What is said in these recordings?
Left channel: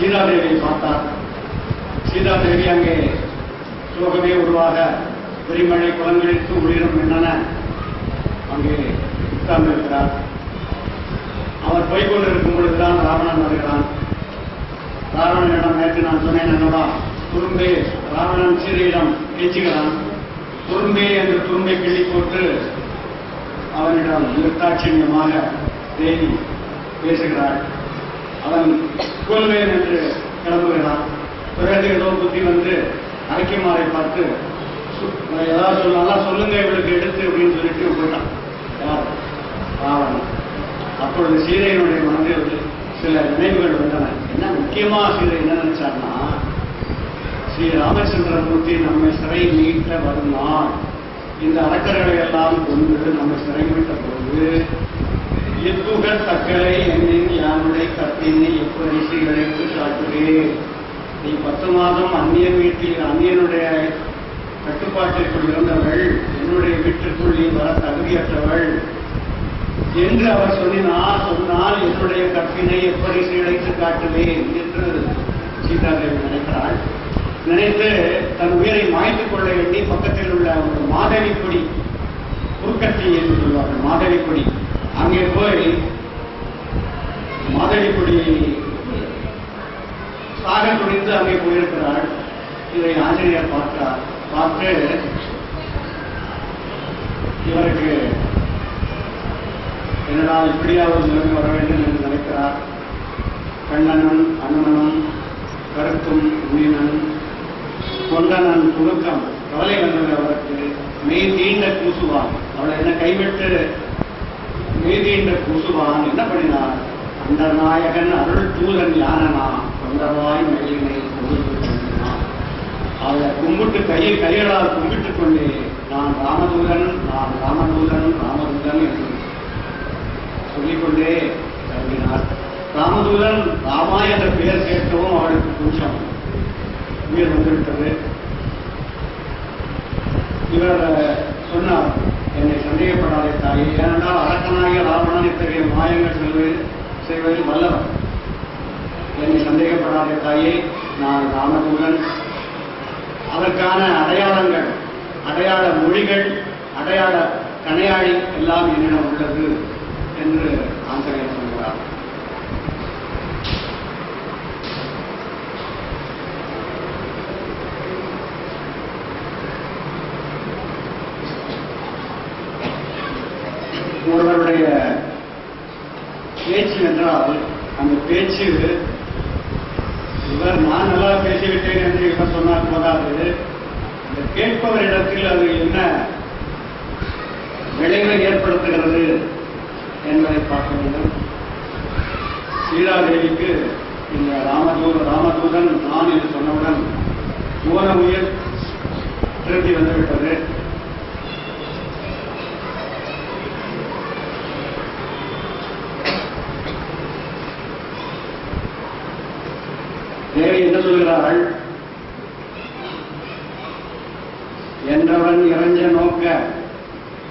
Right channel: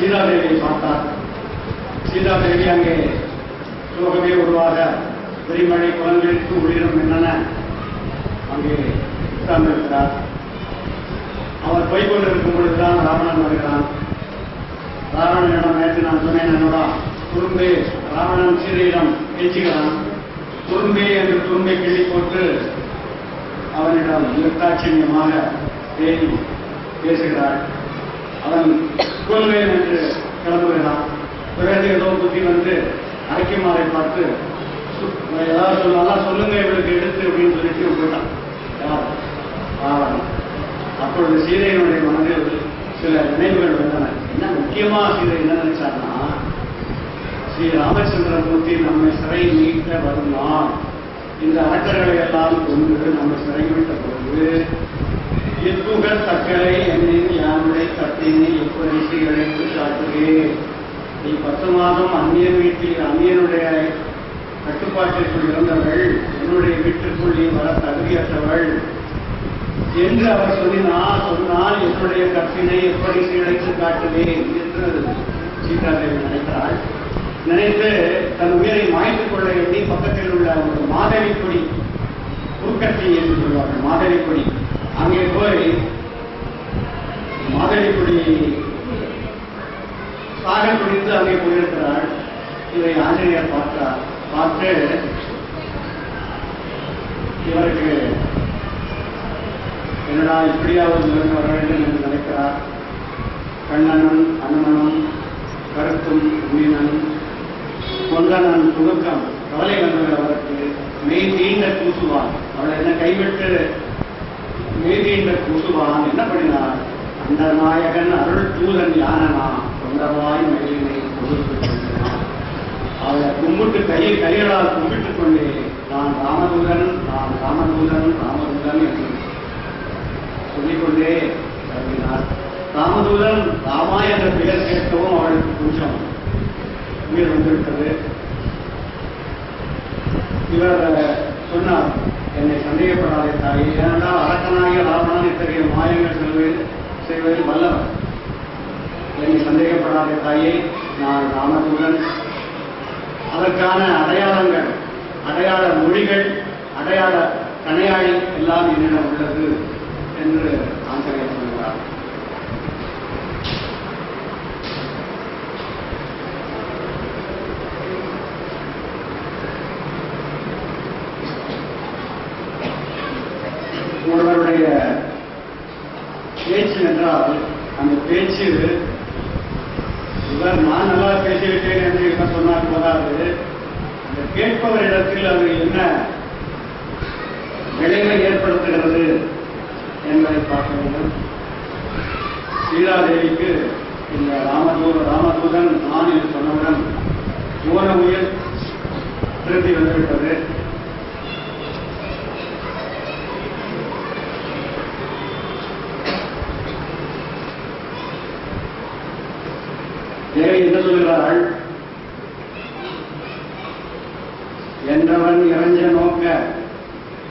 சீதாதேவியை பார்த்தார். சீதாதேவி அங்கே சோகமே உருவாக பெருமழை குளங்களுக்கு உயிரும் என்னென்ன அங்கே உட்கார்ந்திருக்கிறார். அவர் போய்கொண்டிருக்கும் பொழுதுதான் ராவணன் வருகிறான். ராவணனிடம் நேற்று நான் சொன்னேன் என்னோட துரும்பே, ராவணன் சீதையிடம் பேச்சுகிறான். துரும்பே என்று துரும்பை கிள்ளி போட்டு அவனிடம் நிறுத்தாட்சியமாக தேவி பேசுகிறாள். அவன் கொள்வேன் என்று கிளம்புகிறான். பிறகு ஏதோ புத்தி வந்து அரைக்குமாரை பார்த்து ஏதாவது சொல்லலாம், சொல்லுங்க இவளுக்கு எடுத்து அப்படின்னு சொல்லிட்டு போயிட்டான். யார்? ராவணன். அப்பொழுது சீதையினுடைய மனதில் சில நினைவுகள் வந்தன. என்ன முக்கியமா சீதை என்ன நினைச்சார்னா, ஸ்ரீ ராமச்சந்திரமூர்த்தி நம்மை சிறை மீட்ட வரும் நாள், இந்த அரக்கர்களை எல்லாம் கொண்டு நம்ம சிறை மீட்ட போது இப்புகழ் தக்கலை என்னின் யானுடைய கத்தினை எப்படி சீரழைத்து காட்டுகிறேன். நீ 10 மாதம் அந்நியன் வீட்டில் அந்நியனுடைய கட்டுப்பாட்டிற்குள் இருந்தவள், என்னுடைய வீட்டிற்குள் நீ வர தகுதியற்றவள் என்று அவர் சொன்னால் என்னுடைய கற்பினை எப்படி சீரழைத்து காட்டுவேன் என்று சீதாதேவி நினைக்கிறாள். நினைத்து தன் உயிரை மாய்த்துக் கொள்ள வேண்டி பக்கத்தில் உள்ள ஒரு மாதவி கொடி, குறுக்கட்டி என்று சொல்வார்கள், மாதவி கொடி, அங்கே போய் மாதவி கொடி சாக குடித்து அங்கே போயிருக்கிறாள். இதை ஆஞ்சநேயர் பார்த்தார். பார்த்து இவருக்கு என்னடா இப்படியாவது நிலைமை வர வேண்டும் என்று நினைக்கிறார். கண்ணனும் அனுமனும் கருத்தும் மீனன் கொண்டனன் துணுக்கம் கவலை வந்தது அவருக்கு. மெய் தீண்ட கூசுவான், அவளை என்ன கைவிட்டு மெய் தீண்ட கூசுவான். என்ன பண்ணினார்? அந்த நாயகன் அருள் தூதன் யானனா தொண்டவாய் மயிலினை கொடுத்து கொண்டான். அவளை கும்பிட்டு கைகளால் கும்பிட்டுக் கொண்டே நான் ராமதூதன், நான் ராமதூதன், ராமதூதன் என்று சொல்லிக்கொண்டே கருதினார். ராமதூதன் ராமா என்ற பெயர் கேட்கவும் அவளுக்கு கொஞ்சம் உயிர் வந்துவிட்டது. இவர் சொன்னார், என்னை சந்தேகப்படாதே தாயே, ஏனென்றால் அரக்கனாகிய ராவணன் இத்தகைய மாயங்கள் செய்வதில் வல்லவர். என்னை சந்தேகப்படாதே தாயே, நான் ராமதூதன். அதற்கான அடையாளங்கள், அடையாள மொழிகள், அடையாள கணையாழி எல்லாம் என்னிடம் உள்ளது என்று ஆசிரியர் சொல்கிறார். ஒருவருடைய பேச்சு என்றால் அந்த பேச்சு இவர் நான் நல்லா பேசிவிட்டேன் என்று இவர் சொன்னால் போதாது, இந்த கேட்பவரிடத்தில் அது என்ன விளைவை ஏற்படுத்துகிறது என்பதை பார்க்க வேண்டும். சீதாதேவிக்கு இந்த ராமதூதன் நான் என்று சொன்னவுடன் போன உயிர் திருப்பி வந்துவிட்டது. தேவி என்ன சொல்கிறாள்? என்றவன் இறைஞ்ச நோக்க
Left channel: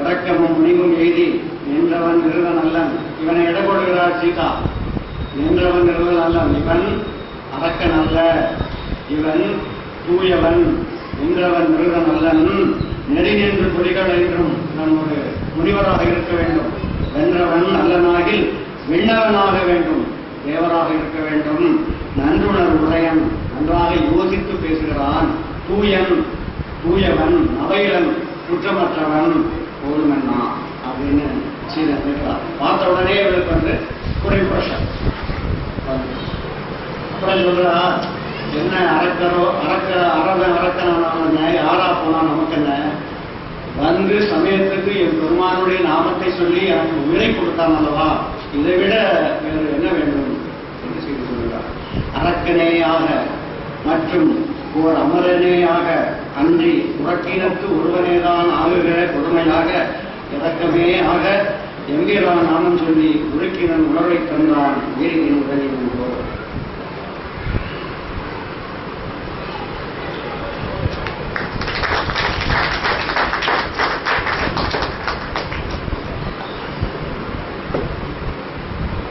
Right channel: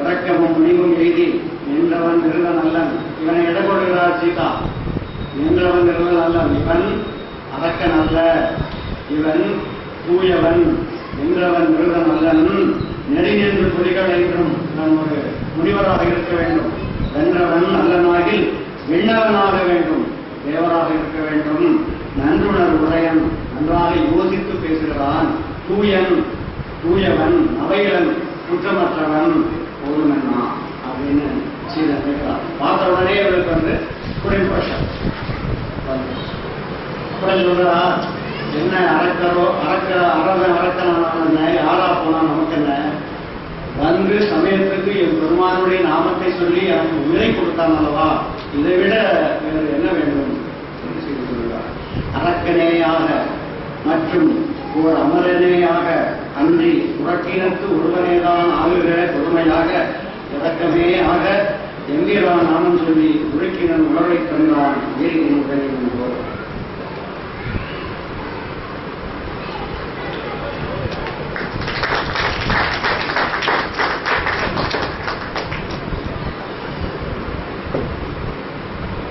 இறக்கமும் முனிவும் எய்தி நின்றவன் நிறுவன் அல்லன். இவனை எடை போடுகிறாள் சீதா. நின்றவன் நிறுவன் அல்லன், இவன் அரக்கன் அல்ல, இவன் தூயவன். நின்றவன் நிறுவன் அல்லன், நெறி நின்று புலிகள் என்றும் நான் ஒரு முனிவராக இருக்க வேண்டும். வென்றவன் அல்லனாகில் விண்ணவனாக வேண்டும், தேவராக இருக்க வேண்டும். நன்றுணர் உடையன், நன்றாக யோசித்து பேசுகிறான். தூயன், தூயவன், அவையிலன், குற்றமற்றவன், போதுமன்னா அப்படின்னு சீதை கேட்கிறார். பார்த்த உடனே இவருக்கு வந்து குறைபட்சம் அப்புறம் சொல்றா, என்ன அரக்கரோ அரக்கனான யாரா போனா நமக்கு என்ன, வந்து சமயத்துக்கு என் பெருமானுடைய நாமத்தை சொல்லி எனக்கு உயிரை கொடுத்தான் அல்லவா, இதை விட வேறு என்ன வேண்டும் என்று செய்து சொல்கிறார். அரக்கனேயாக மற்றும் ஓர் அமரனேயாக அன்றி புறக்கினத்து ஒருவனேதான் ஆகுகிற கொடுமையாக இறக்கமே ஆக எம்பிரான் நாமம் சொல்லி உருக்கினன் உணர்வை தந்தான் வீரின் உடலில் என்றோ.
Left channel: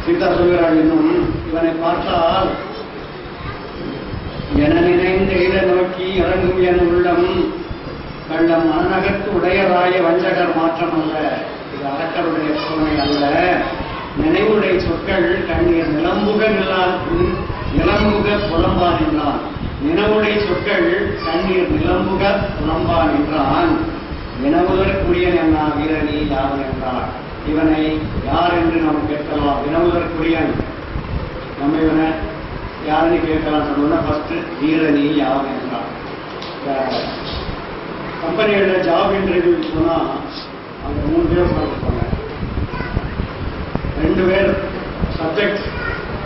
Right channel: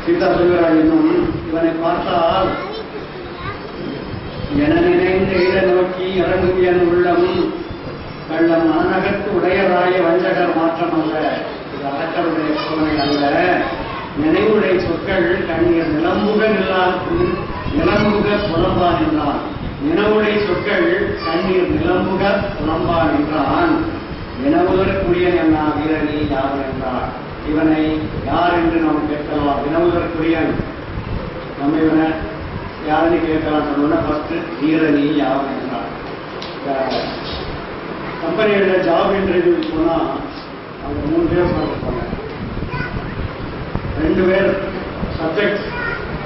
சீதா சொல்கிறாள், இன்னும் இவனை பார்த்தால் என நினைந்த இட நோக்கி இறங்கும் என் உள்ளம் கள்ளம் மனநகத்து உடையராய வஞ்சகர் மாற்றம் அல்ல. இது அரக்கருடைய சோதனை அல்ல. நினைவுடைய சொற்கள் கண்ணீர் நிலம்புக புலம்பான் என்றான். நினைவுடைய சொற்கள் கண்ணீர் நிலம்புக புலம்பான் என்றான். வினவுதற்குரியன் என்ன வீரனி யாவன் என்றார். இவனை யார் என்று நாம் கேட்கலாம். வினவுதற்குரியன் நம்ம இவனை யாருன்னு கேட்கலாம். சொன்னா ஃபர்ஸ்ட் வீரனி யாவன் என்றார். கம்பெனியோட ஜாப் இன்டர்வியூ போனா அங்க 3 பேர் உட்காந்துருப்பாங்க. 2 பேர் சப்ஜெக்ட்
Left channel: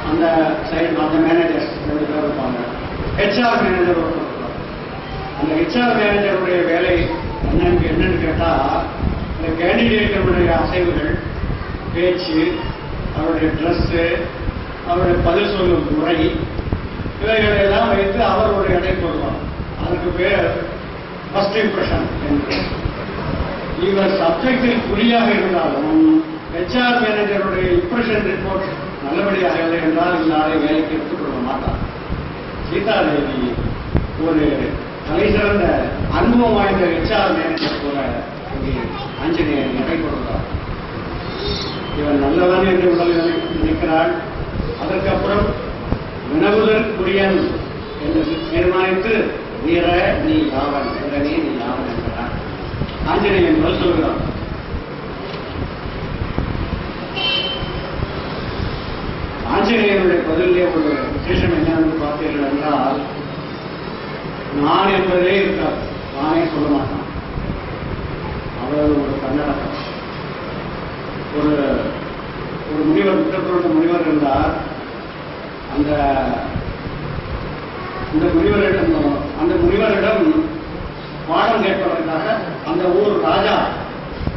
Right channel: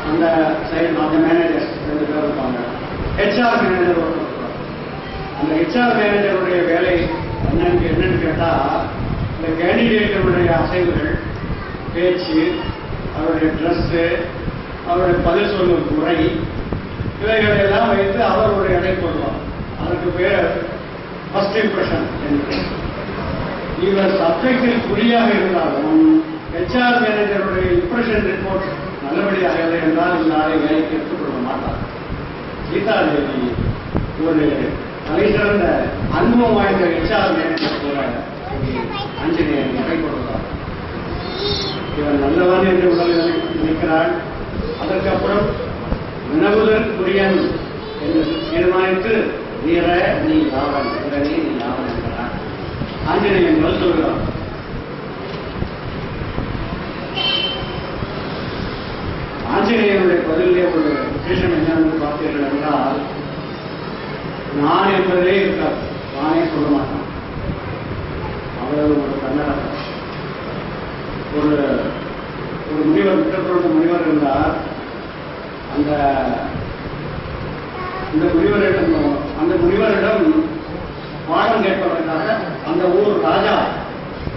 அந்த சைடு அந்த மேனேஜர் 2 பேர் இருப்பாங்க. ஹெச்ஆர் மேனேஜர் ஒருத்தர். அந்த ஹெச்ஆர் மேனேஜருடைய வேலை என்னன்னு கேட்டா இந்த கேண்டிடேட்டருடைய அசைவுகள், பேச்சு, அவருடைய ட்ரெஸ்ஸு, அவருடைய பதில் சொல்லும் முறை, இவைகளெல்லாம் வைத்து அவர் ஒரு எடை போடுவார். அதற்கு பேர் ஃபர்ஸ்ட் இம்ப்ரெஷன் என்று. இவர் சப்ஜெக்டில் குறியாக இருந்தாலும் ஹெச்ஆர் மேனேஜருடைய இம்ப்ரெஷன் ரிப்போர்ட் நல்லபடியாக இல்லை என்றால் இந்த ஆளை வேலைக்கு எடுத்துக்கொள்ள மாட்டார். சீதாதேவி ஒரு தலை சிறந்த அனுபவம் வாய்ந்த ஹெச்ஆர் மேனேஜர் போல ஆஞ்சநேயர் எடை போடுகிறார். இவர் நல்லவன் என்று உடலில் நினைக்கிறாள். அதற்கப்புறம் வினவுதற்குரியன் என்று தீர்மானித்து வீர நீ யாவன், வீரனே நீ யாவன் என்கிறார். ஆஞ்சநேயன் பதில் சொல்கிறார். ஆஞ்சநேயனுடைய பதிலே ஒரு விசேஷம் என்னன்னு பார்த்தீர்கள் என்றால், நான் என்பதே இருக்காது. நானே சொல்ல மாட்டான். அவ்வளவு ஒரு கன்னடம். ஒரு முனிவர், விட்டப்பட்ட முனிவர் இருந்தார். அந்த முனிவரிடம் பாடம் கேட்பதற்காக அந்த ஊர் ராஜா,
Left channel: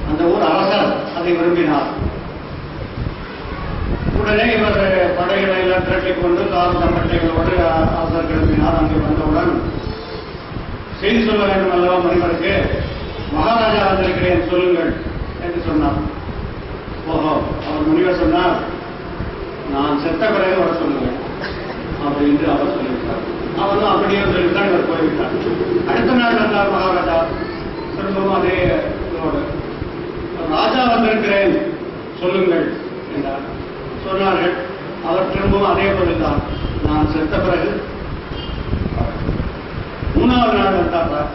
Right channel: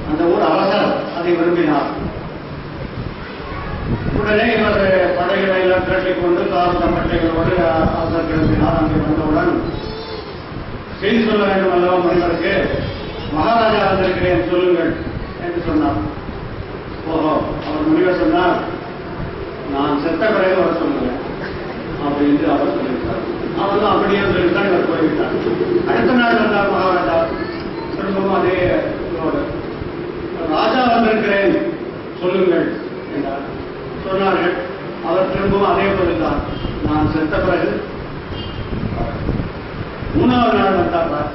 அந்த ஊர் அரசர் அதை விரும்பினார். உடனே இவர் படைகளை எல்லாம் திரட்டிக் கொண்டு தார் தம்பட்டைகளோடு அரசர் கிளம்பினார். அங்கே வந்தவுடன் செய்தி சொல்ல வேண்டும் அல்லவா முனிவருக்கு. மகாராஜா வந்திருக்கிறேன் சொல்லுங்கள் என்று சொன்னார். ஓஹோ, அவர் முனிவர் சொன்னார், நான் செத்த பிறகு வர சொல்லுங்க அப்படின்னு அவர் சொல்லிவிட்டார். அவரும் அப்படியே சொல்லிவிட்டார். இவர் போய்விட்டார். அடுத்த நாள் வந்தார் மகாராஜா. திரும்பவும் அதே இதோடு, ராஜா வந்திருக்கிறேன் சொல்லுங்கள் என்றார். சொன்னார்கள். அவர் திரும்பவும் அதே போல்தான், நான் செத்த பிறகு. 3வது நாள் வந்தார்.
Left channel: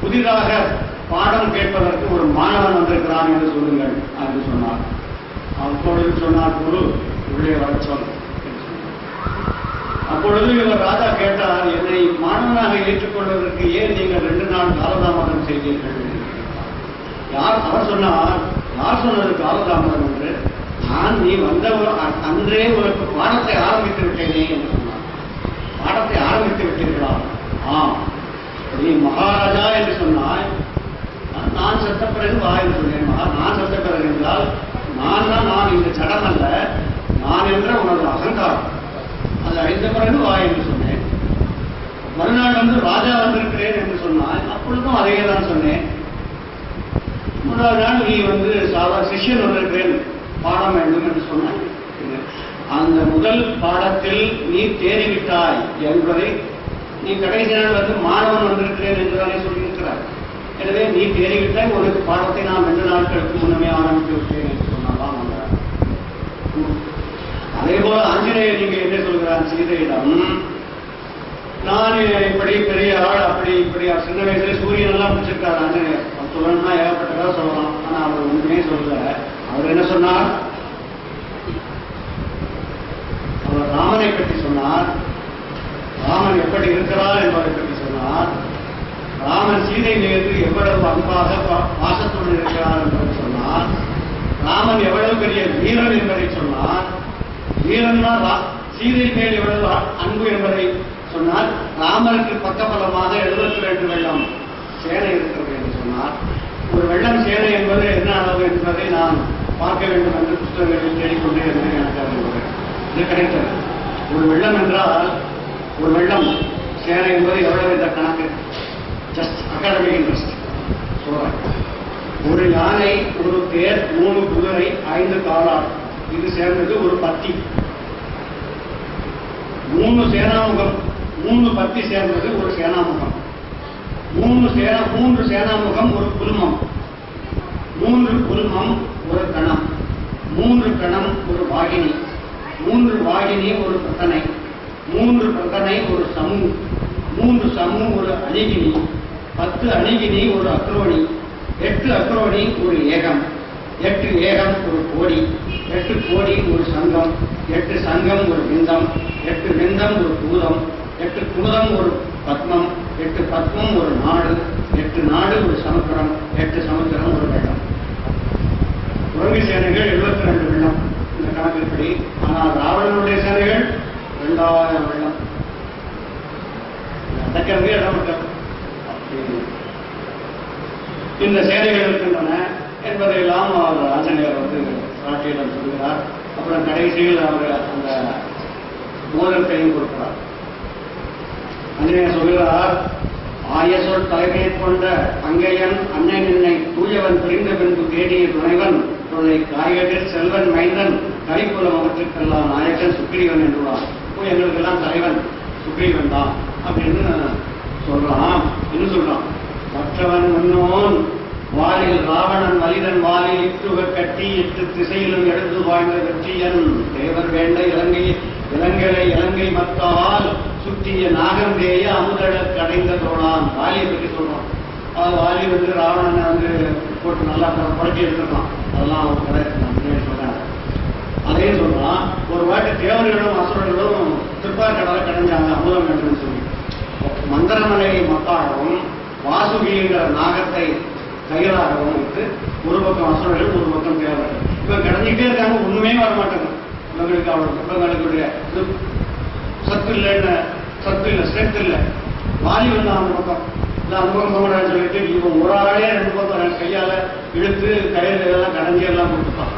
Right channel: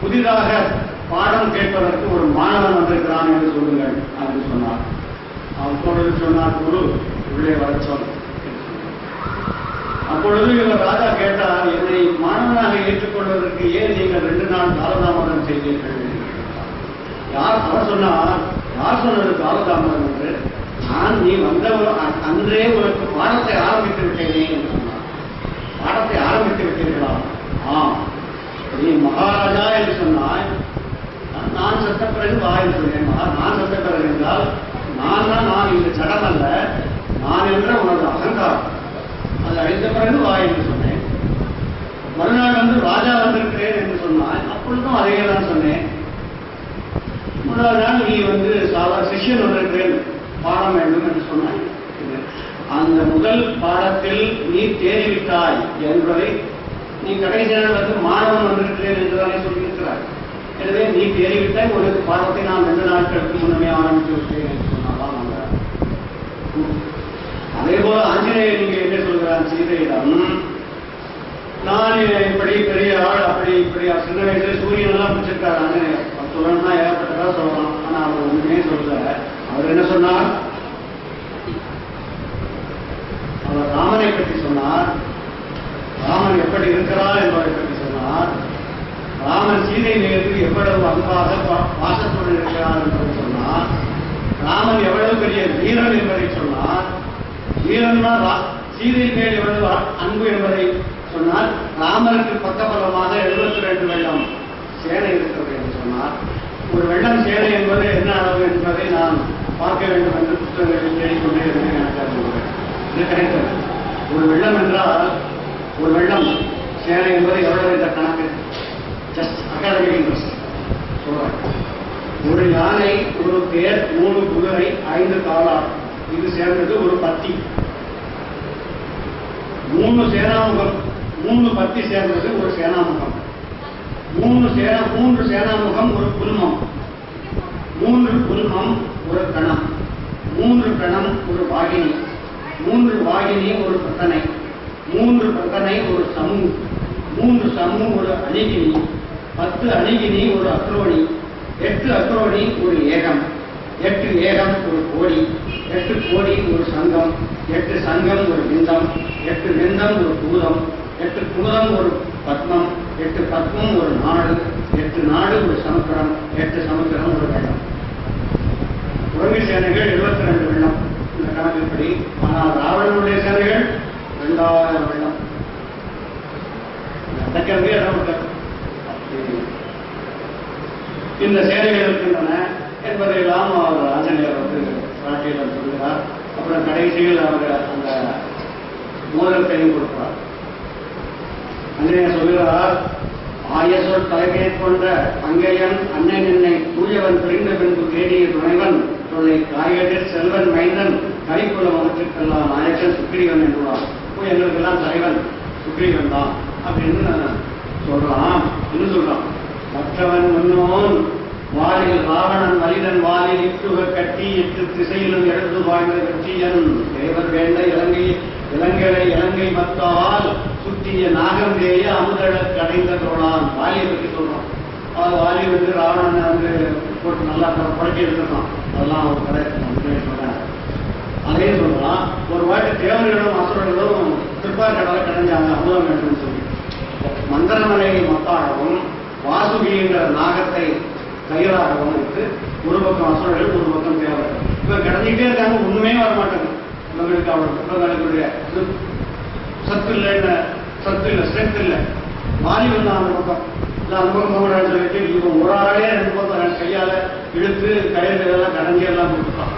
புதிதாக பாடம் கேட்பதற்கு ஒரு மாணவன் வந்திருக்கிறான் என்று சொல்லுங்கள் என்று சொன்னார். அப்பொழுது சொன்னார், குரு உள்ளே வர சொல். அப்பொழுது இவர் ராஜா கேட்டார், என்னை மாணவனாக ஏற்றுக்கொள்வதற்கு ஏன் நீங்கள் 2 நாள் காலதாமதம் செய்தீர்கள்? யார்? அவர் சொன்னார், யார் சொன்னது காலதாமதம் என்று? நான் நீ வந்த அன்றே உனக்கு பாடத்தை ஆரம்பித்து விட்டேனே என்று சொன்னார். பாடத்தை ஆரம்பித்து விட்டீர்களா? நீ மகாராஜா என்று சொன்னாய். நான் செத்த பிறகு வா என்று சொன்னேன். நான் செத்த பிறகு என்றால் நான் இந்த சடம் அல்ல, நான் என்ற உனது அகங்காரம், அது அழிந்த பிறகு வா என்று சொன்னேன். மறுநாள் வந்து ராஜா வந்திருக்கிறேன் என்று சொன்னாய். அப்பொழுதும் அதையே தான் சொன்னேன். 3வது நாள் நீ வந்து சாதாரண சிஷ்யன் வந்திருக்கிறேன், பாடம் வேண்டும் என்று சொன்னாய். அந்த முதல் பாடத்தில் நீ தேறிவிட்டாய் என்பதை நீ கடைசி நாள் வந்து மாணவன் வந்திருக்கிறேன் என்றுதானே சொல்லியிருக்கிறார். எனவே நீ தேறிவிட்டாய். ஒரு பாடத்தை நான் 2 நாட்களுக்கு முன்னமே ஆரம்பித்து விட்டேன் என்று சொன்னாலாம். அதே போல ஆஞ்சநேயர் நீங்க என்ன சொல்கிறார் சீதையிடம், நான் இப்படி பெரிய ஆள், அப்படி இப்படி சின்ன வயசுல சூரியன் எல்லாம் முடிச்சிருக்காரு ஆஞ்சநேயர். சொல்லணும்னா ஏகப்பட்டதா சொல்லலாம். ஆனா அவர் ஒன்றுமே சொல்லல. அவர் என்ன சொன்னார்? அவர் ராமனை பற்றி சொன்னார். ராமன் எப்படி இருக்கிறார் என்பதை பற்றி சொன்னார். ராமன் சீதை மீது எவ்வளவு அன்பாக பாசத்துடன் இருக்கிறார் என்பதை சொன்னார். ராமன் எவ்வளவு பெரிய வீரன் என்பதை சொன்னார். வீரன்னா சீதை மேல் எவ்வளவு அன்பு என்பதை சொன்னார். ராமனுக்கு பக்கபலமாக 72 வெள்ளம் சேனை இருக்கிறது என்று சொன்னார். ஒரு வெள்ளம் சேனை என்பது என்ன அளவு என்பதை நான் பார்க்க வேண்டும் என்று புத்தகங்களில் தேடிக்கொண்டே இருந்தேன். எனக்கு இது கிடைத்தது. ஒரு வெள்ளம் என்றால், ஒரு வெள்ளம் சேனை என்பது எவ்வளவு இந்த கணக்கு ஜஸ்ட் அகாடமிக் இன்ட்ரெஸ்ட் சொல்றேன். ஒரு யானை, ஒரு தேர், 3 குதிரை, 5 காலாள், இது சேர்ந்தது ஒரு பத்தி. 3 சேனாமுகம் 3 பத்தி சேர்ந்தது ஒரு சேனாமுகம், 3 சேனாமுகம் ஒரு குல்மம், 3 குல்மம் ஒரு கணம், 3 கணம் ஒரு வாகினி, 3 வாகினி ஒரு பிரத்தனை, 3 பிரத்தனை ஒரு சமு, 3 சமு ஒரு அணிகினி, 10 அணிகினி ஒரு அக்ரோணி, 8 அக்ரோணி ஒரு ஏகம், 8 ஏகம் ஒரு கோடி, 8 கோடி ஒரு சங்கம், 8 சங்கம் ஒரு விந்தம், 8 விந்தம் ஒரு பூதம், 8 பூதம் ஒரு பத்மம், 8 பத்மம் ஒரு நாடு, 8 நாடு ஒரு சமுத்திரம், 8 சமுத்திரம் ஒரு வெள்ளம். குரங்கு சேனைகள் 72 வெள்ளம் இந்த கணக்கின்படி. ஆனால் ராவணனுடைய சேனைகள் 2000 வெள்ளம். அடக்கிறதே இடம். இந்த சேனைகள் இருக்கின்றன என்பதையெல்லாம் அவர் ஆஞ்சநேயர் காட்டியிடம் சொல்கிறார். அப்புறம் கடைசியில் அவர் அந்த மோதிரத்தையும் கொடுக்கிறார். ஆஞ்சநேயர் சொல்கிறார், ஆயசொல் தலைமை கொண்ட அங்கையன் அன்னை நின்னை தூயவன் பிரிந்த பின்பு தேடிய துணைவன் தொல்லை காய்கறில் செல்வன் மைந்தன் கைக்குலம் அவற்றுக்கெல்லாம் நாயக்கன் சுக்ரீவன் என்றுள்ளார். எங்களுக்கெல்லாம் தலைவன் சுக்ரீவன் தான் அப்படின்னு சொல்றான். இன்னும் சொல்றான், மற்றவன் முன்னோன் வாலில் ராவணன் மலிதன் வாலில் இட்டுக கட்டி 8 திசையிலும் எழுந்து வாழ்ந்த வெற்றியன் தேவர் வேண்ட இலங்கை மத்தால் சுற்றிய நாகந்தேய அமுதழ கடைந்த தோழான். வாலியை பற்றி சொல்றான். வாலி ராவணனை போட்டு நல்லா புரட்டி எடுத்துருக்கான். அதெல்லாம் அவர் கதை நான் சொல்றேன். அதையும் சொல்றான், ஒரு வாட்டி தேவர்களும் அசுரர்களும் திருப்பார்கடலை கடைஞ்சாங்க அமுதம் என்று சொல்லி. மந்திரமலை மத்தாகவும் வாசுகிங்கிற நாகத்தை கையலாகவும் வைத்து ஒரு பக்கம் அசுரர்கள் ஒரு பக்கம் தேவர்கள் இவங்க கடந்துகிட்டே இருக்காங்க. ஒண்ணுமே வரமாட்டாங்க. இவங்களுக்கு இவங்களுடைய சத்து இல்லை ஸ்ட்ரென்த் இல்லை. வாலி அந்த பக்கம் இல்லை அந்த பக்கம் போகக்கூடாதுன்னு சொல்லிட்டு இவன் ஒரு ஆளே 2 பக்கம் கையால இழுத்து கையில் இதெல்லாம் கடஞ்சி எல்லாம் கொடுத்துட்டான்.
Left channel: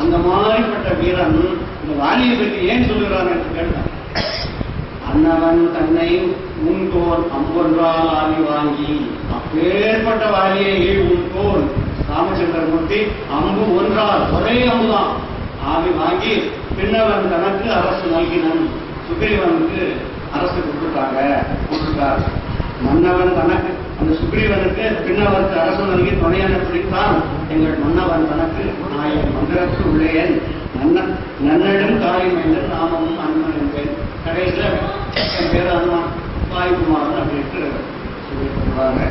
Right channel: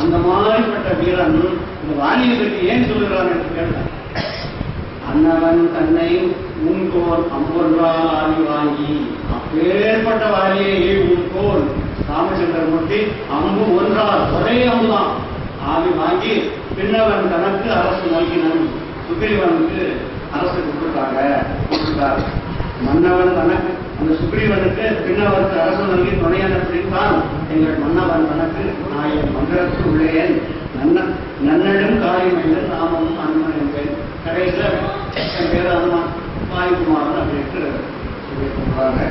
அந்த மாதிரிப்பட்ட வீரன் இந்த வாலியை பற்றி ஏன் சொல்லுகிறான் என்று கேட்டான். அன்னவன் தன்னை உன்கோன் அம்பொன்றால் ஆவி வாங்கி, அப்பேற்பட்ட வாலியை உன்கோன் ராமச்சந்திரமூர்த்தி அம்பு ஒன்றால் ஒரே அம்புதான் ஆவி வாங்கி பின்னவன் தனக்கு அரசு நல்கினன். சுக்ரீவனுக்கு அரசு கொடுத்துட்டார். மன்னவன் தனக்கு அந்த சுக்ரீவனுக்கு பின்னவருக்கு அரசு நல்கி துணையான பிடித்தான். எங்கள் மன்னவன் தனக்கு நான் என் மந்திரத்து உள்ளேன் நன்னடும் காரியமைந்தன் நாமமும் அன்மன் என்பேன். கடைசியில் என் பேர் அனுமான் வாயுகுமாரன் அப்படின்ட்டு சொல்லி சொல்றாங்க.